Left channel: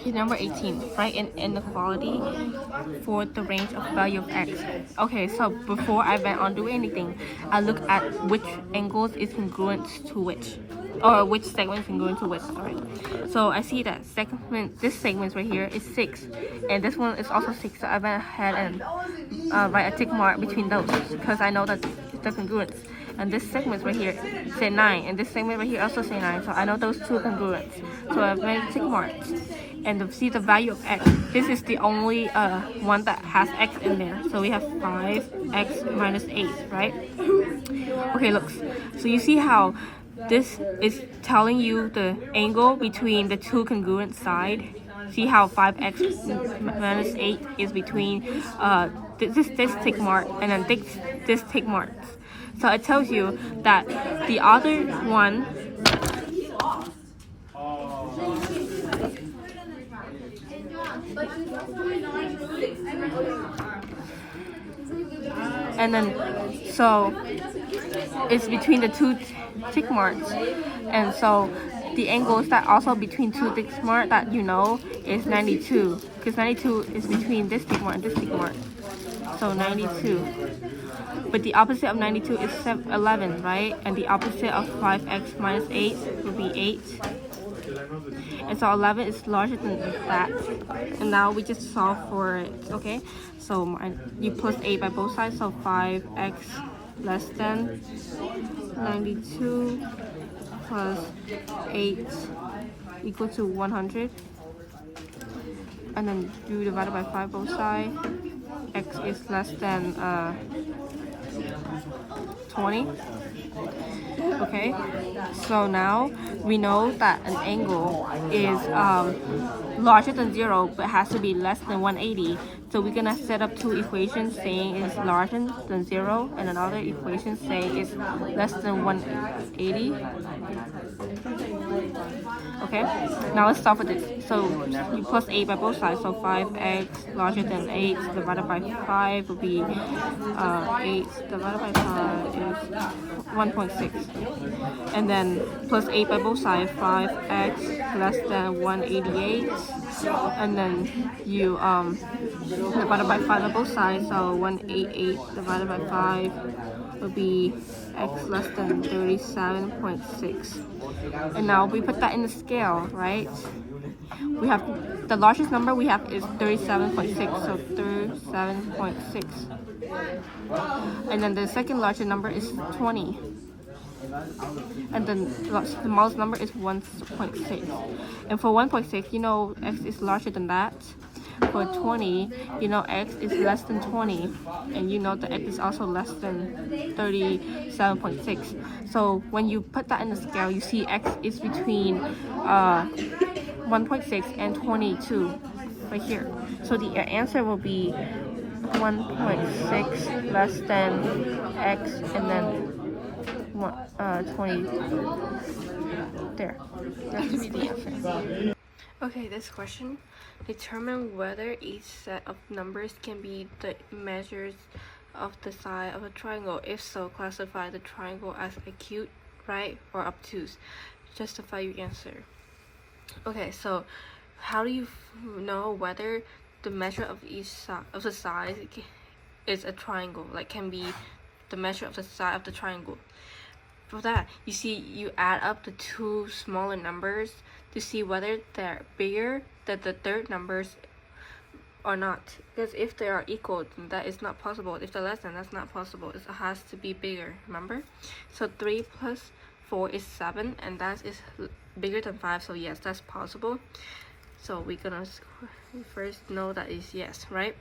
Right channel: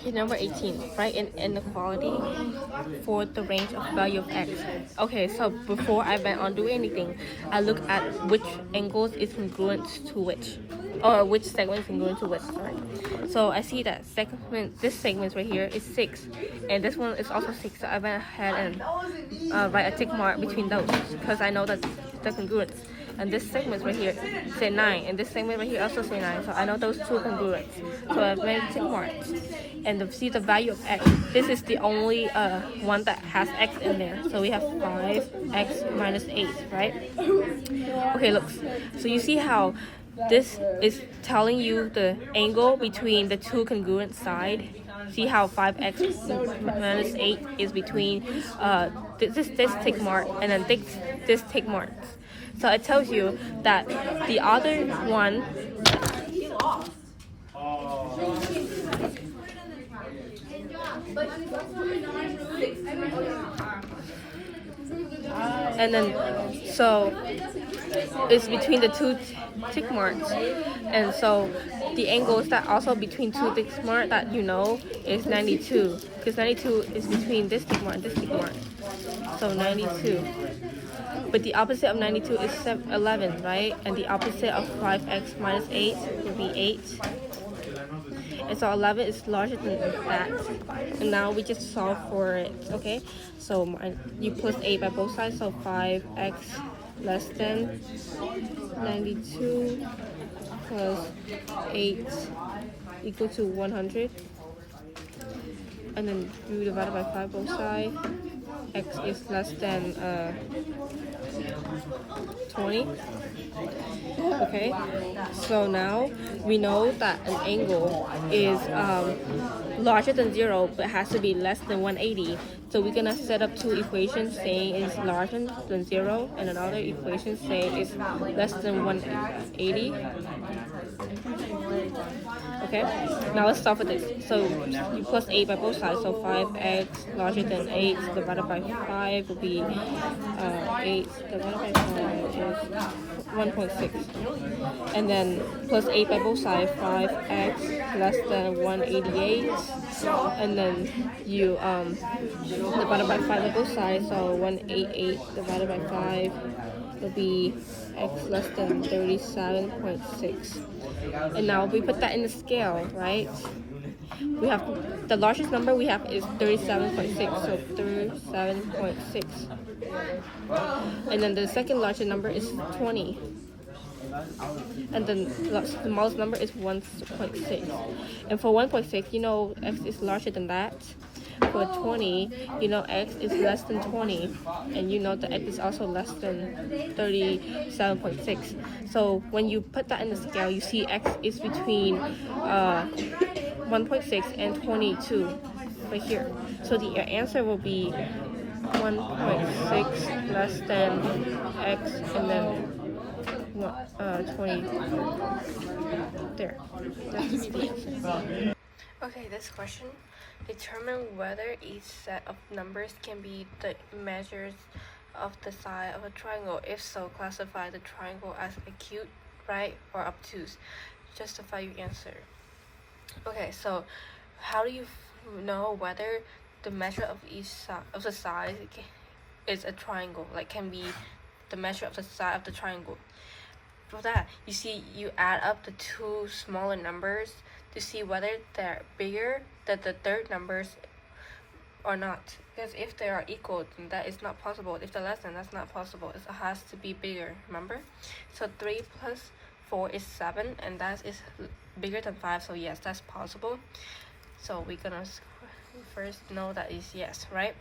Okay, number 18, find an inequality for the range of value of x. Okay, so before I went on doing anything, I look at which angles is congruent to which, or which segment is congruent to which, sorry. So I see that this segment right here is 6, and this one is also 6, so I went ahead and write a tick mark between those, because I know that the congruence. And this segment right here say 9, and this segment right here also say 9, so I know those two congruent. So I've made tick marks. And to see the value of x, this is the only one that has x in there. So we have 5x minus 8, right? Okay, look. So you see how this is telling you the angle between the two congruent sides. See how 5x minus 8 is between this tick mark and then this tick mark. So it tells you that the other one and then so it's between the two tick marks, and so the angles that also between two tick marks that you know is 92, because 92 is between this tick mark and this tick mark, so 92. But the opposite of 92 is 11, right? And the opposite of 5x minus 8 would be 8. And so 11 is larger than that. And now we just solve for it, okay? So you plus 8 by both sides, so 5x less than 92 plus 8 equal to 100. And then you divide it by 5 both sides. X is less than 20. Okay, so now we know that an angle is larger than 0 but has to be less than 180. So we're gonna set up two equations saying it's larger than 0 and another equation saying it's less than 180. Okay, now let's start with this. So you plus 8 by both sides, so 5x larger than 8 divided by 5 will be 8 divided by 5 is 1.6. And then plus 8 by both sides, 5x less than 188. And then you divided by 5 on both sides, so 188 divided by 5 would be x less than 37.6. And now we put that in the scale, right? We have the largest number we have is 37.6, so 37.6. And then the second largest number is 20. And then the smallest number is 1.6. And for 1.6, you know x is larger than that. For 20, you know x is less than 20, and you know the x is also less than 37.6. So when you put that in the scale, you see x is between 1.6 and 22 right here. So the answer will be 1.6 less than x and then 20 there. That should be the answer. Okay, this question. Determine whether each set of numbers can be the measures of the side of a triangle. If so, classify the triangle as acute, right, or obtuse. Justify your answer. Okay, so how do you know whether the measure of each side of the side is a triangle, like can be the measure of the side of the triangle? For that, you see, you add up the two smaller numbers to see whether they're bigger than the third numbers or not. Because if they are equal, then that is not possible. If they're less than, that's not possible. It has to be bigger, remember? So 3 plus 4 is 7, and that is bigger than 5, so yes, that's possible. So we're gonna first know that is yes, right?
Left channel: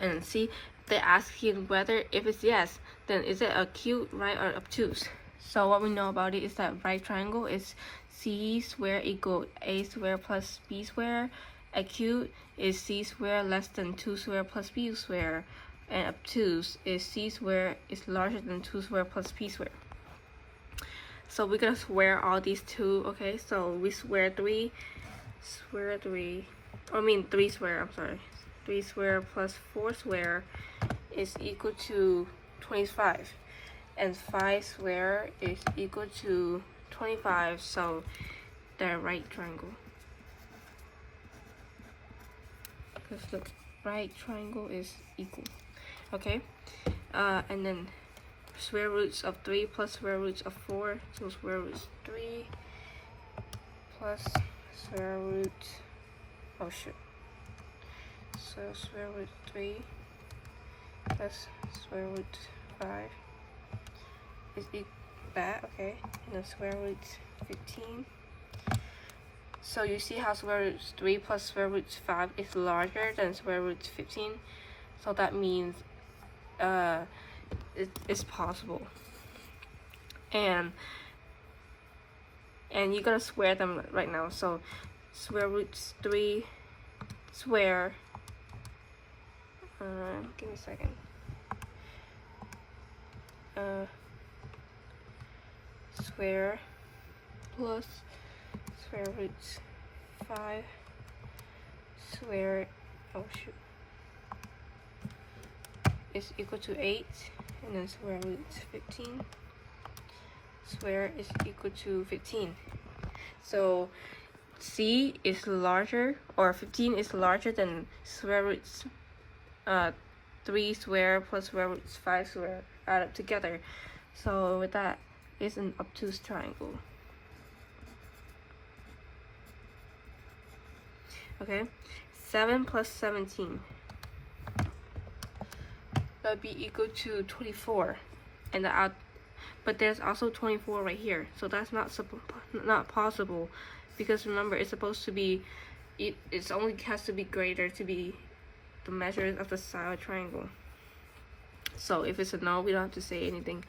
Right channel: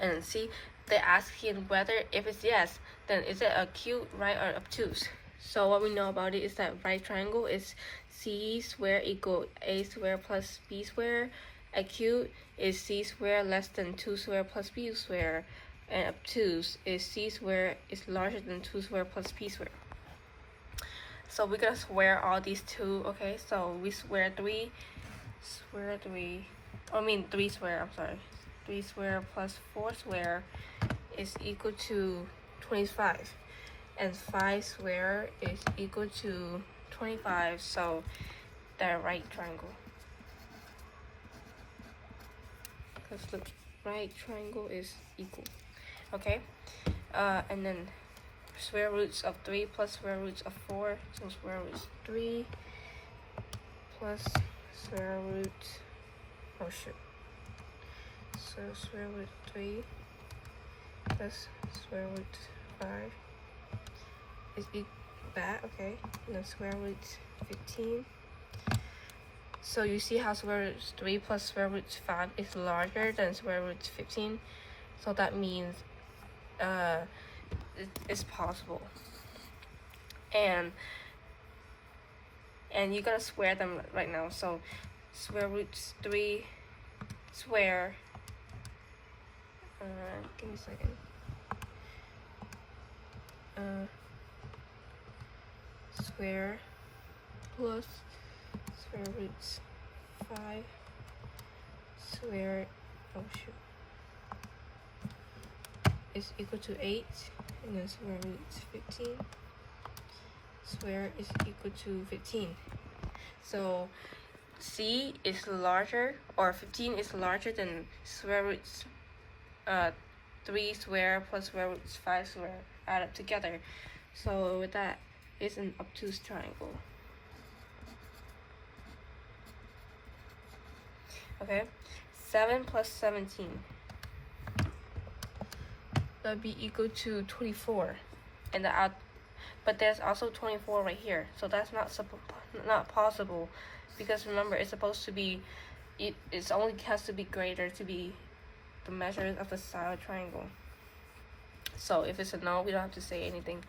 And see, they're asking whether if it's yes, then is it acute, right, or obtuse? So what we know about it is that right triangle is c squared equal a squared plus b squared. Acute is c squared less than 2 squared plus b squared. And obtuse is c squared is larger than 2 squared plus b squared. So we're gonna square all these two, okay? So we square 3 squared, I'm sorry. 3 squared plus 4 squared is equal to 25. And 5 squared is equal to 25, so they're right triangle. because the right triangle is equal. Okay, and then square roots of 3 plus square roots of 4, so square root 3 plus square root, oh shoot, so square root 3 plus square root 5 is that, okay, and then square root 15. So you see how square root 3 plus square root 5 is larger than square root 15, so that means it's possible. And you're gonna square them right now. So square root 3 square, give me a second, square plus square root 5 square, oh shoot, is equal to 8, and then square root 15 square is equal to 15. So C is larger, or 15 is larger than square root 3 square plus square root 5 square added together. So with that, it's an obtuse triangle. Okay, 7 plus 17, that'd be equal to 24, and but there's also 24 right here, so that's not possible, because remember, it's supposed to be, it's only has to be greater to be the measures of the side of a triangle. So if it's a no, we don't have to say anything.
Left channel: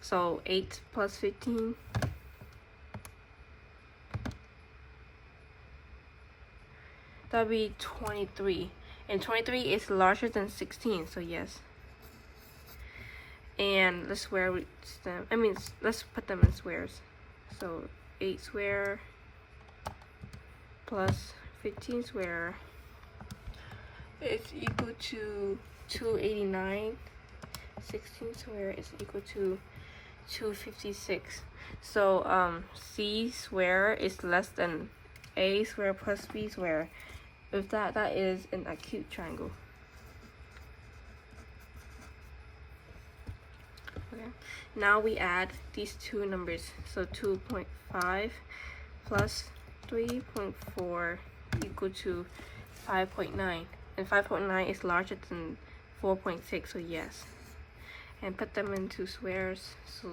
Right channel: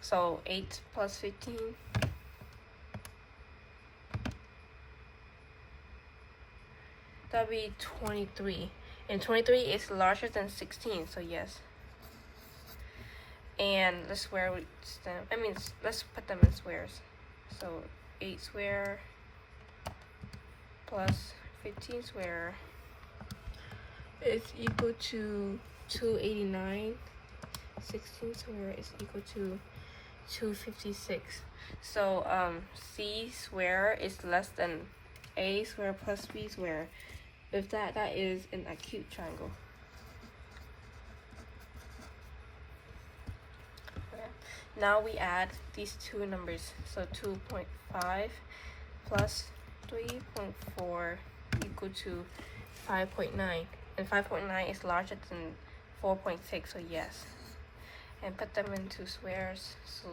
So 8 plus 15, that'd be 23, and 23 is larger than 16, so yes. And let's square roots them. Let's put them in squares. So 8 square plus 15 square is equal to 289. 16 square is equal to 256. So C square is less than A square plus B square. With that, that is an acute triangle. Now we add these two numbers. So 2.5 plus 3.4 equal to 5.9. And 5.9 is larger than 4.6, so yes. And put them into squares. So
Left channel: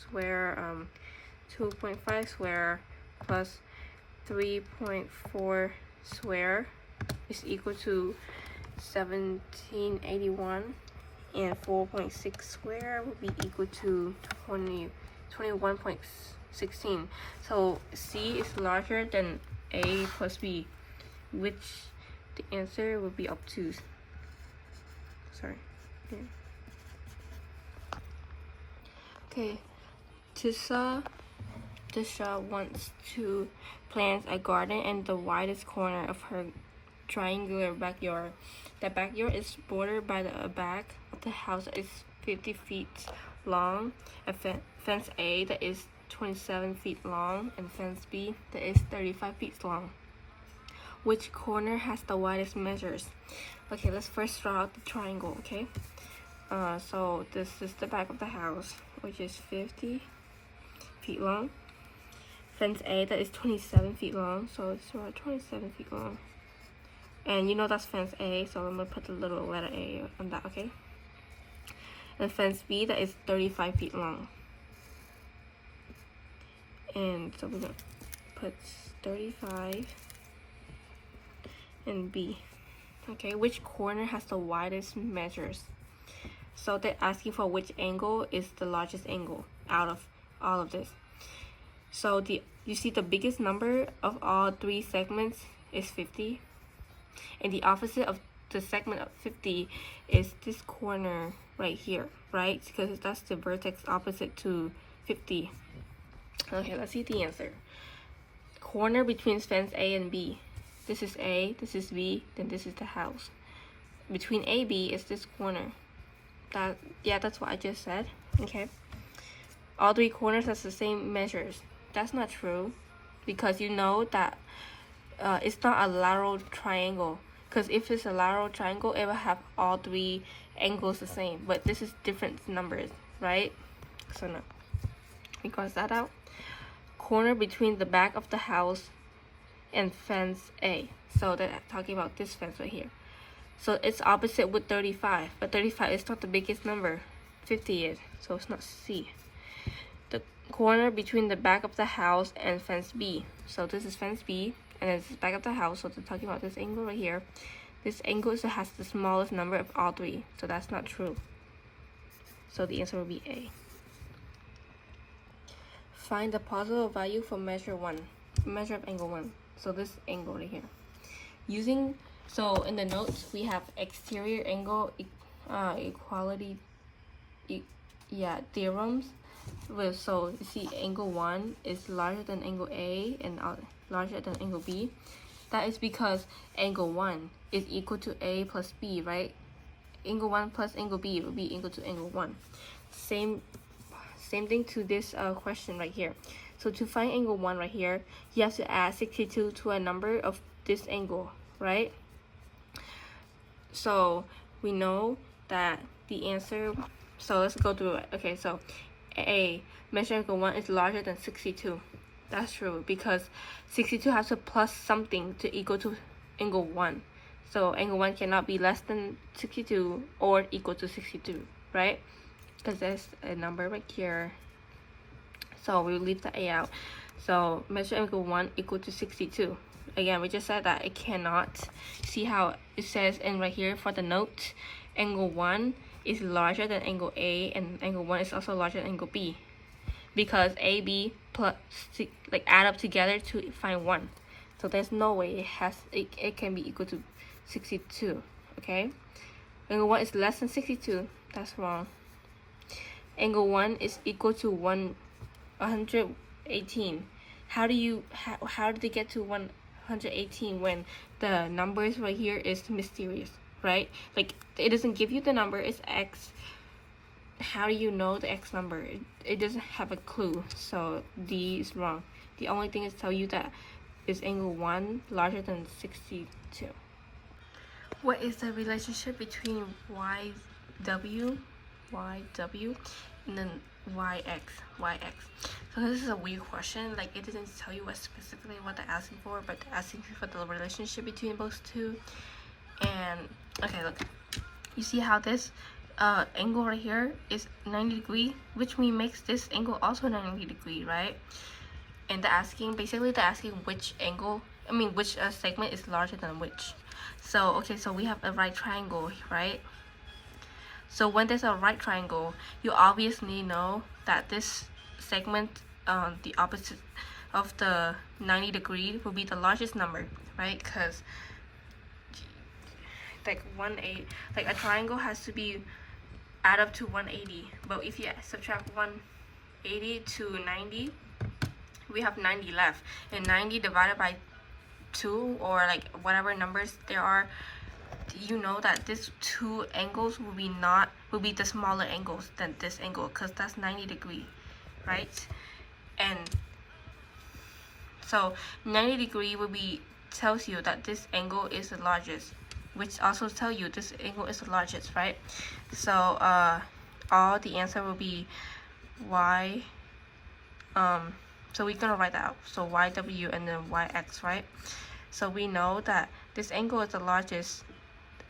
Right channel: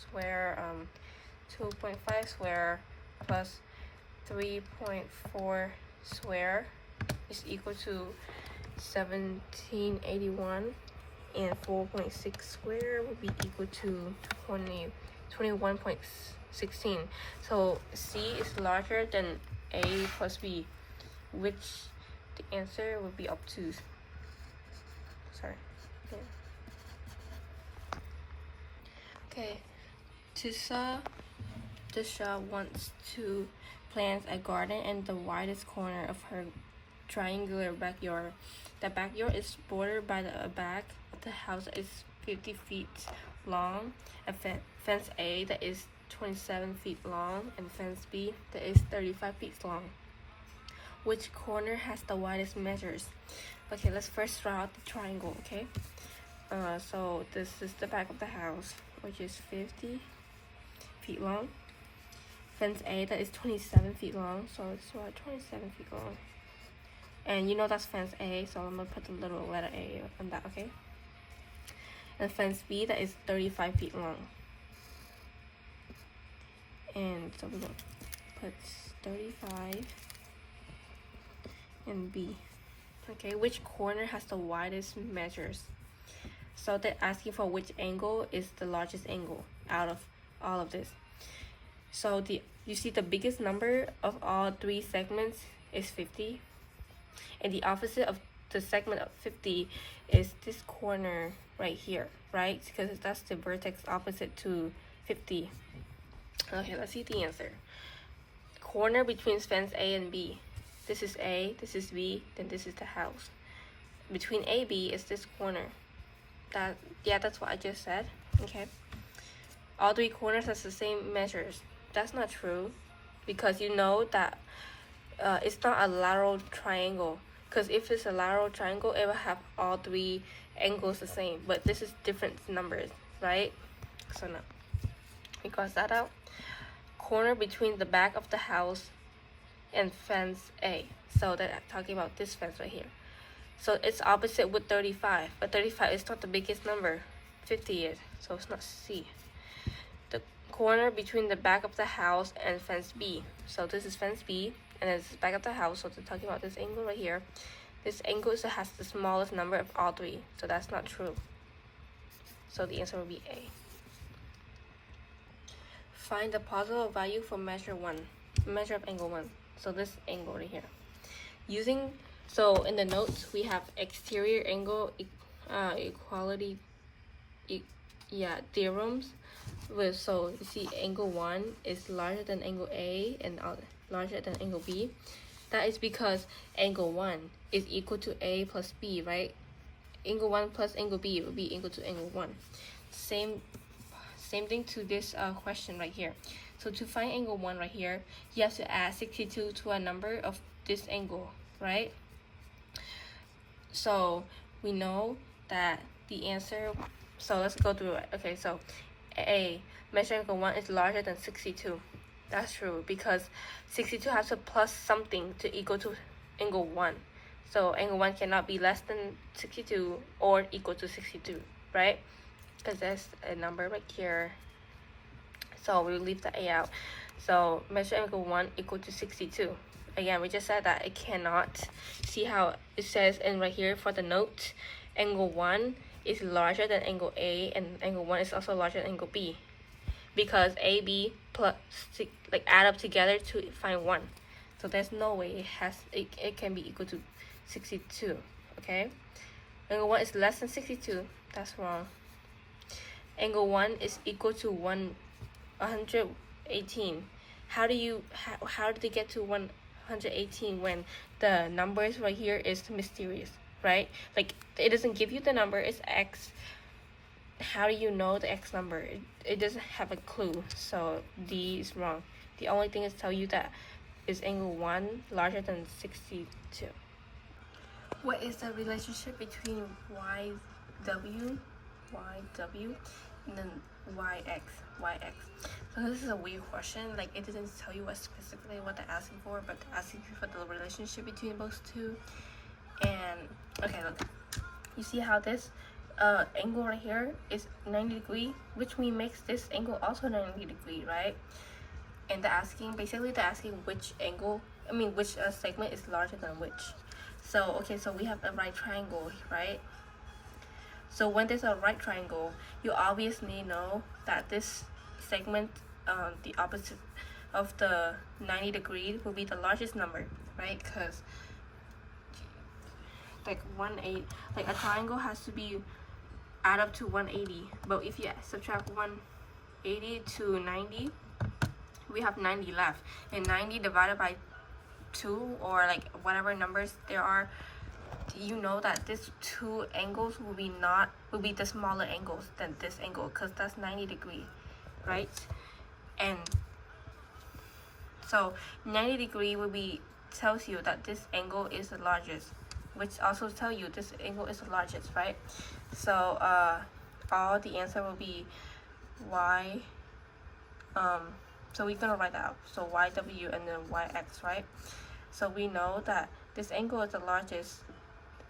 square 2.5 square plus 3.4 square is equal to 1781. And 4.6 square would be equal to 21.16. So C is larger than A plus B, which the answer would be obtuse. Sorry. Okay. Tisha wants to plant a garden in the widest corner of her triangular backyard. The backyard is bordered by the back of the house is 50 feet long, a fence A that is 27 feet long, and fence B that is 35 feet long. Which corner has the widest measures? Okay, let's first draw out the triangle, okay? So this is the back of the house, which is 50 feet long. Fence A that is 27 feet long, so let's draw 27 feet long. And you know that's fence A, so I'm gonna put the little letter A on that, okay? And fence B that is 35 feet long. And so we're gonna put 35 and B. Okay, which corner has the widest measures? So they're asking for which angle is the largest angle out of all of this. So you see the biggest number of all three segments is 50. And the opposite of the segment of 50 is this corner right here, right? Because that's the vertex opposite to 50. Okay, let's see the answer. Corner between fence A and B. This is A, this is B, then this is the house. Between A, B is this corner. That's what I just said. Okay. All three corners has the same measures. That's not true, because you know that it's not a lateral triangle, because if it's a lateral triangle, it will have all three angles the same, but this is different numbers, right? So no, we cross that out. Corner between the back of the house and fence A. So they're talking about this fence right here. So it's opposite with 35, but 35 is not the biggest number. 50 is, so it's not C. The corner between the back of the house and fence B. So this is fence B, and this is back of the house, so they're talking about this angle right here. This angle has the smallest number of all three, so that's not true. So the answer will be A. Find the positive value for measure of angle 1. So this angle right here. So in the notes we have exterior angle equality theorems. So you see angle 1 is larger than angle A and larger than angle B. That is because angle 1 is equal to A plus B, right? Angle 1 plus angle B will be equal to angle 1. Same thing to this question right here. So to find angle 1 right here, you have to add 62 to a number of this angle, right? So we know that the answer, so let's go through it. Okay, so A, measure angle 1 is larger than 62. That's true, because 62 has to plus something to equal to angle 1. So angle 1 cannot be less than 62 or equal to 62, right? Because there's a number right here. So we'll leave the A out. So measure angle 1 equal to 62. Again, we just said that it cannot. See how it says in right here for the note, angle 1 is larger than angle A, and angle 1 is also larger than angle B, because A, B plus add up together to find 1. So there's no way it can be equal to 62. Okay, angle 1 is less than 62. That's wrong. Angle 1 is equal to 118. How did they get to 118 when the numbers right here is mysterious, right? Like, it doesn't give you the number, it's X. How do you know the X number? It doesn't have a clue, so D is wrong. The only thing is tell you that is angle 1 larger than 62. What is the relationship between YW, and then YX? So this is a weird question. Like, it doesn't tell you what specifically what they're asking for, but they're asking for the relationship between those two. And okay, look, you see how this angle right here is 90 degrees, which makes this angle also 90 degrees, right? And they're asking which angle, which segment is larger than which. So okay, so we have a right triangle, right? So when there's a right triangle, you obviously know that this segment, the opposite of the 90 degree, will be the largest number, right? Because like a triangle has to be add up to 180. But if you subtract 180 to 90, we have 90 left. And 90 divided by 2, or like whatever numbers there are, you know that these two angles will be the smaller angles than this angle, because that's 90 degrees, right? And so 90 degree tells you that this angle is the largest, which also tells you this angle is the largest, right? So all the answer will be Y. So we're gonna write that out. So YW and then YX, right? So we know that this angle is the largest.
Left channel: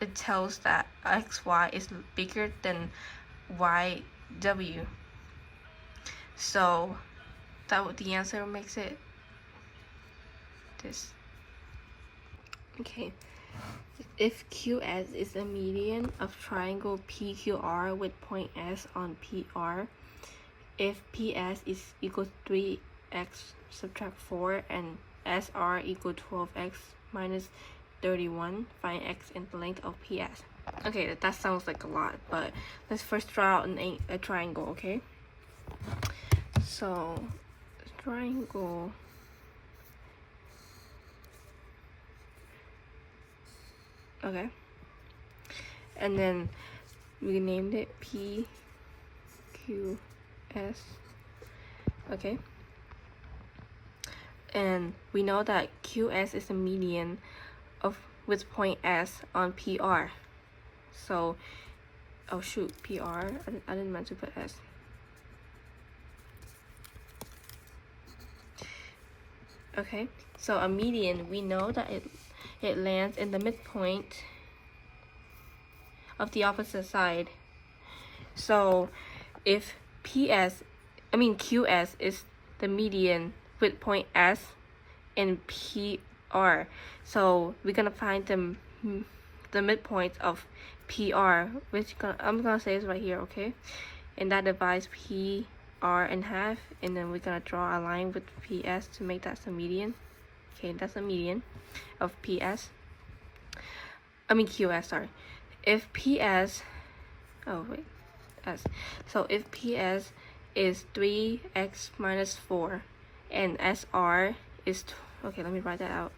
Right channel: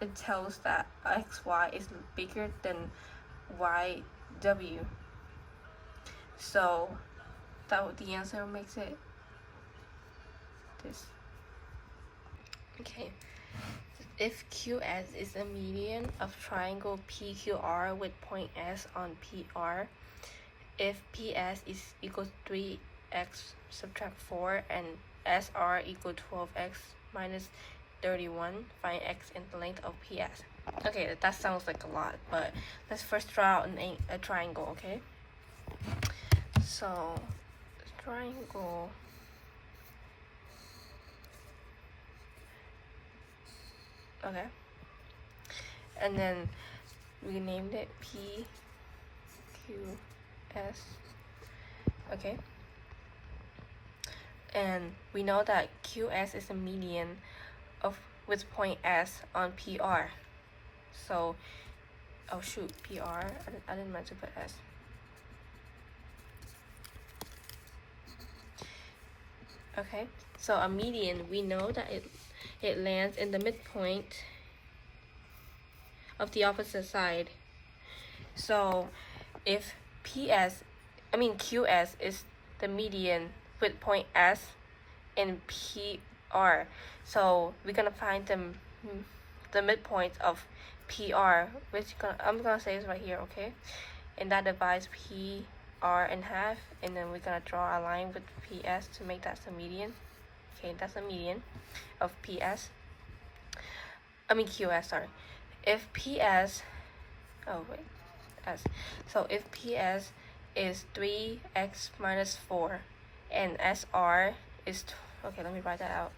It tells that XY is bigger than YW. So the answer makes it this. Okay. If QS is a median of triangle PQR with point S on PR, if PS is equal to 3x subtract 4 and SR equal 12x minus 31, find x in the length of PS. Okay, that sounds like a lot, but let's first draw out a triangle, okay? So, triangle. Okay. And then we named it PQS. Okay. And we know that QS is a median of with point S on PR. So, oh shoot, PR, I didn't meant to put S. Okay, so a median, we know that it lands in the midpoint of the opposite side. So if QS is the median with point S and PR, so we're gonna find the midpoint of PR, which I'm gonna say is right here, okay? And that divides PR in half, and then we're gonna draw a line with PS to make that the median. Okay, that's the median of QS, sorry. If PS, S. So if PS is 3x minus 4 and SR is, okay, let me write that out.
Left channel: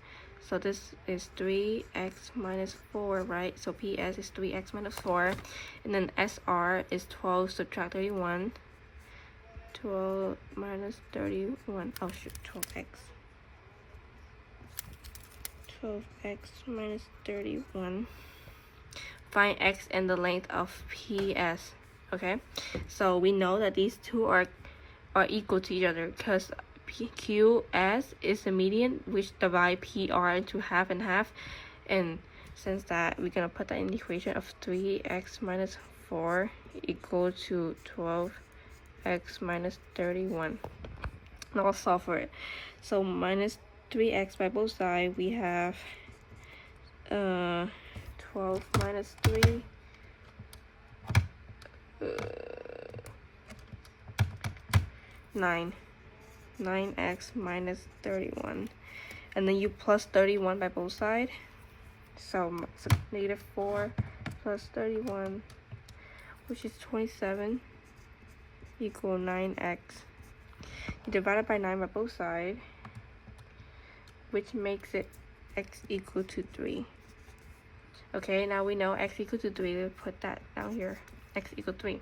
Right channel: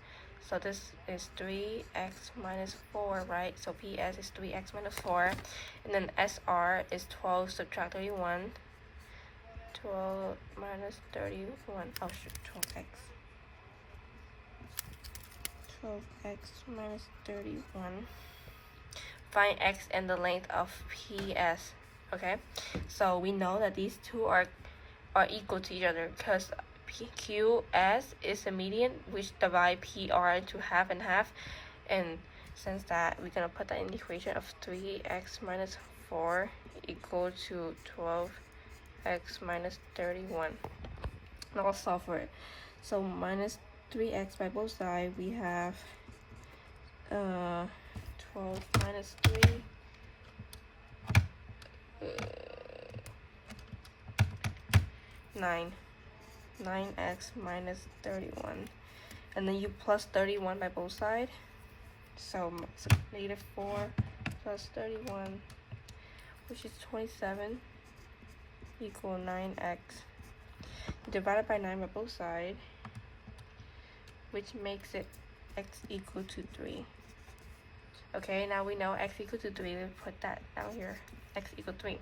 So this is 3x minus 4, right? So PS is 3x minus 4, and then SR is 12 subtract 31. 12 minus 31, oh shoot, 12x. 12x minus 31. Find x and the length of PS. Okay, so we know that these two are equal to each other because QS is the median, which divide PR into half and half, and since that, we're gonna put that in the equation of 3x minus 4 equal to 12x minus 31. Now I'll solve for it. So minus 3x by both sides, we have 12 minus 3, 9x minus 31, and then you plus 31 by both sides, so negative 4 plus 31, which is 27, equal 9x. You divide it by 9 by both sides, which makes it x equal to 3. Okay, now we know x equal to 3. Let's put that down here. X equal to 3.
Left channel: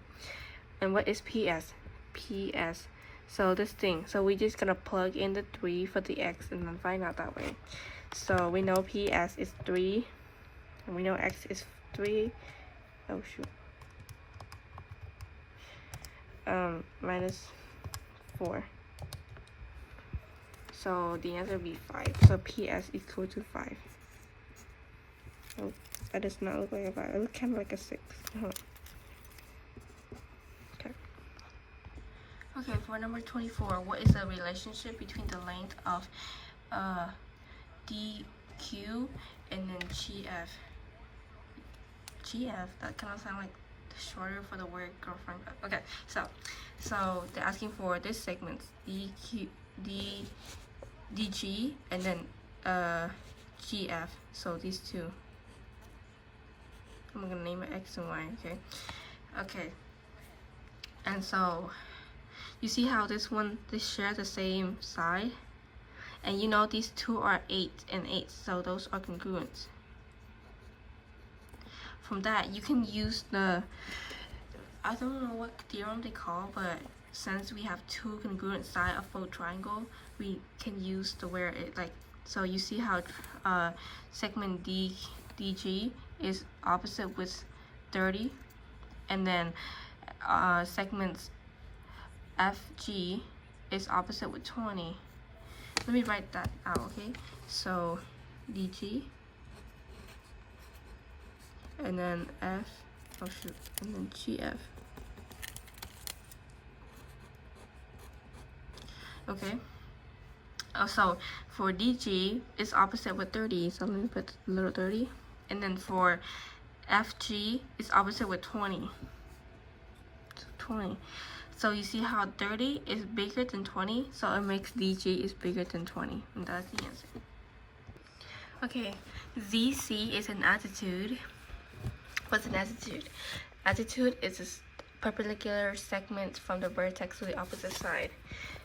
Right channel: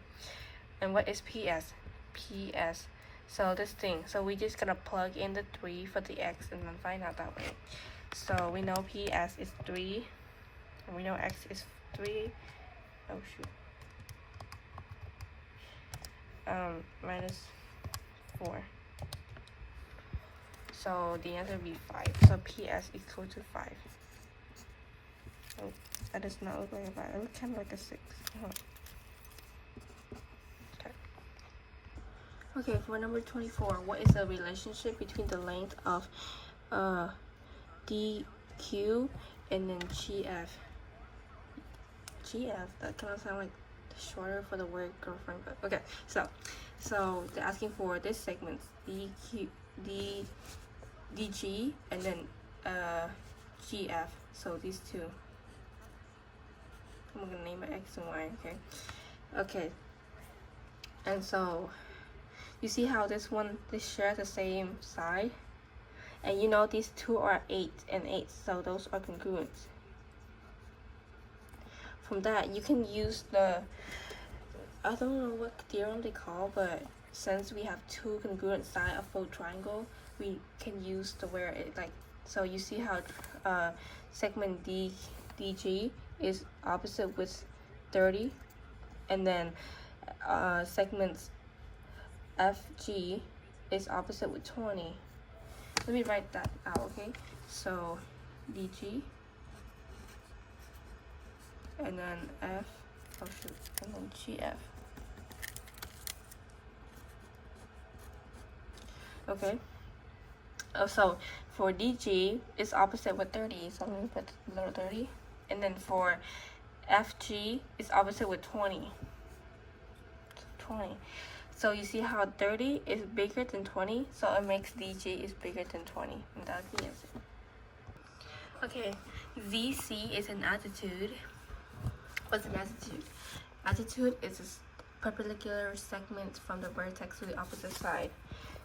And what is PS? PS. So this thing. So we're just gonna plug in the 3 for the x and then find out that way. So we know PS is 3. And we know x is 3. Oh shoot. Minus 4. So the answer will be 5. So PS equal to 5. Oh, that does not look like a 5. It looks kind of like a 6. Okay, for number 24, what is the relationship between the length of DQ and then GF? GF, that kind of sounds like shorter for the word girlfriend. Okay, so they're asking for this segment, DG and then GF. So these two. I'm gonna name it X and Y, okay. And so you see how this share the same side, and you know these two are 8 and 8, so those are congruent. From that, you can use the, I don't know what theorem they call, but since we have two congruent sides of both triangle, we can use the where it like. So you see how segment DG is opposite with 30, and then segments FG is opposite with 20. Let me write that out, okay? So DG and then and then GF. Okay. So for DG, it's opposite with 30, so I'm gonna put a little 30. And then for FG, it's opposite with 20. 20. So you see how 30 is bigger than 20, so it makes DG is bigger than 20, and that's the answer. Okay, ZC is an attitude. What's an attitude? Attitude is a perpendicular segment from the vertex to the opposite side.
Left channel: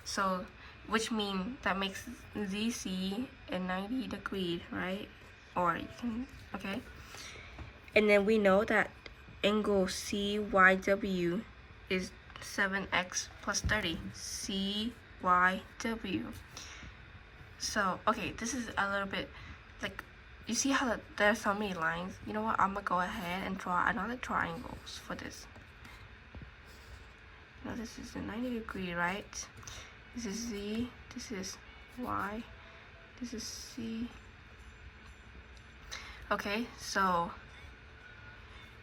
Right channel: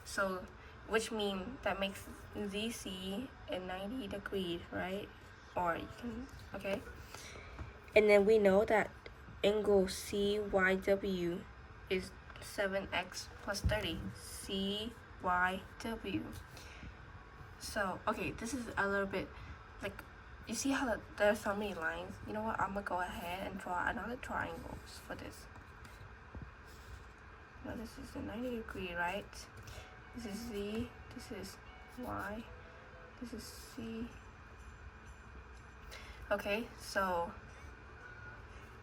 So, which means that makes ZC a 90 degree, right? Or you can, okay. And then we know that angle CYW is 7x plus 30. CYW. So, okay, this is a little bit like you see how there's so many lines? You know what? I'm gonna go ahead and draw another triangles for this. Now this is a 90 degree, right? This is Z, this is Y, this is C. Okay, so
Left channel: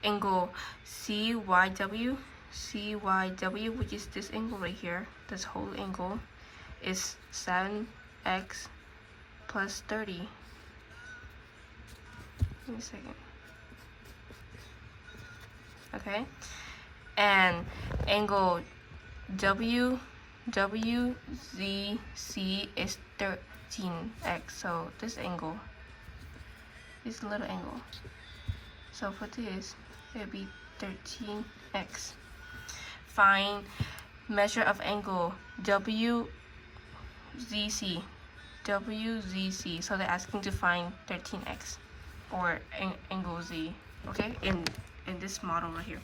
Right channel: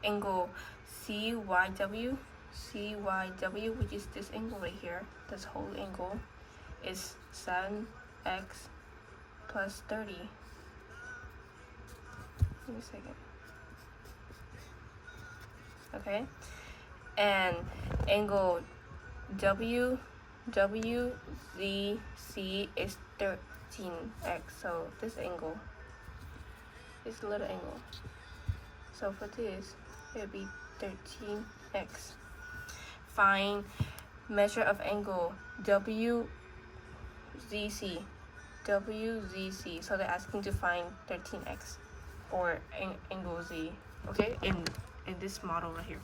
angle CYW, which is this angle right here, this whole angle, is 7x plus 30. Give me a second. Okay, and angle WZC is 13x. So this angle, this little angle. So for this, it would be 13x. Find measure of angle WZC. So they're asking to find 13x or angle Z. Okay, in this model right here.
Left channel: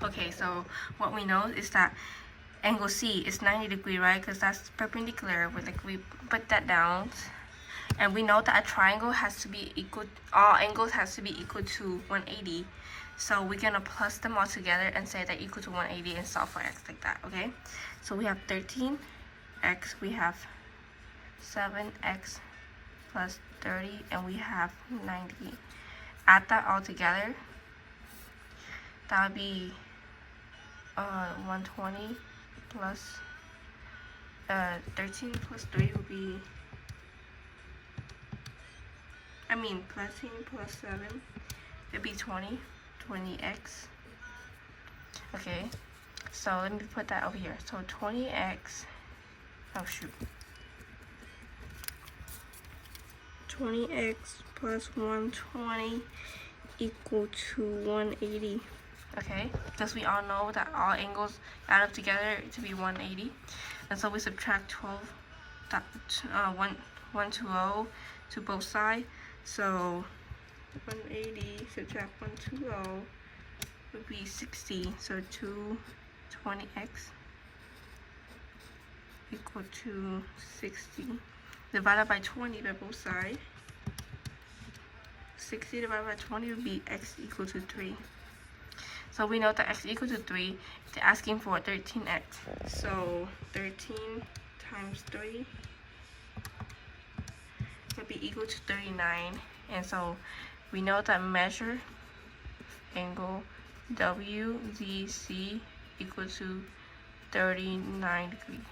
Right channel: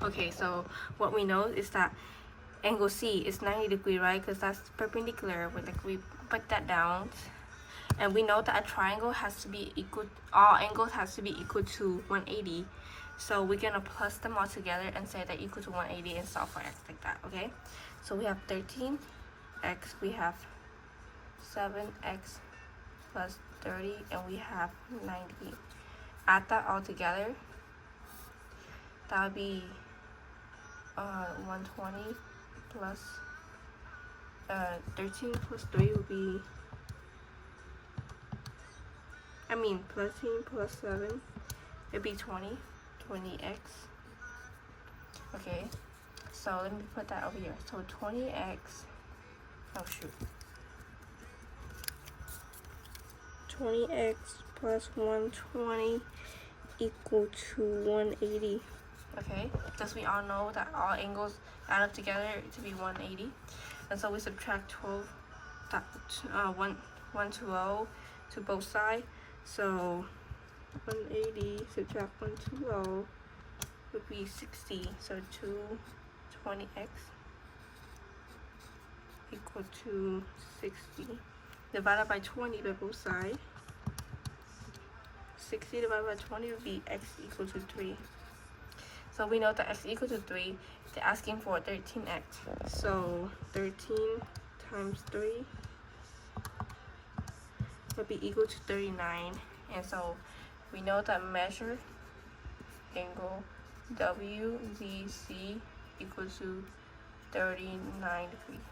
Okay, so what we know is that angle C is 90 degree, right? Because that's perpendicular. We put that down, and we know that a triangle has to be equal. All angles has to be equal to 180. So we're gonna plus them all together and say that equal to 180 and solve for x like that. Okay. So we have 13x. We have 7x plus 30, and we have 90. Add that all together. That would be 120 plus 13 plus 3 would be, plus 13 plus 7, it'd be 20x. Okay, so let me put that over here. So 20x, oh shoot, 20x plus 120 equal to 180. Okay, because we all know that all angles add up together to be 180, and so we subtract 120 to both sides. So 180 subtract 120 would be 60. So 220x equal to 60 divided by 20 by both sides. 60 divided by 20 would be x equal to 3. So we know that x equal to 3, they're asking for 13x. So 13 times 3 would be equal to 39. And so we know that measure angle WZC equal to 39 degrees.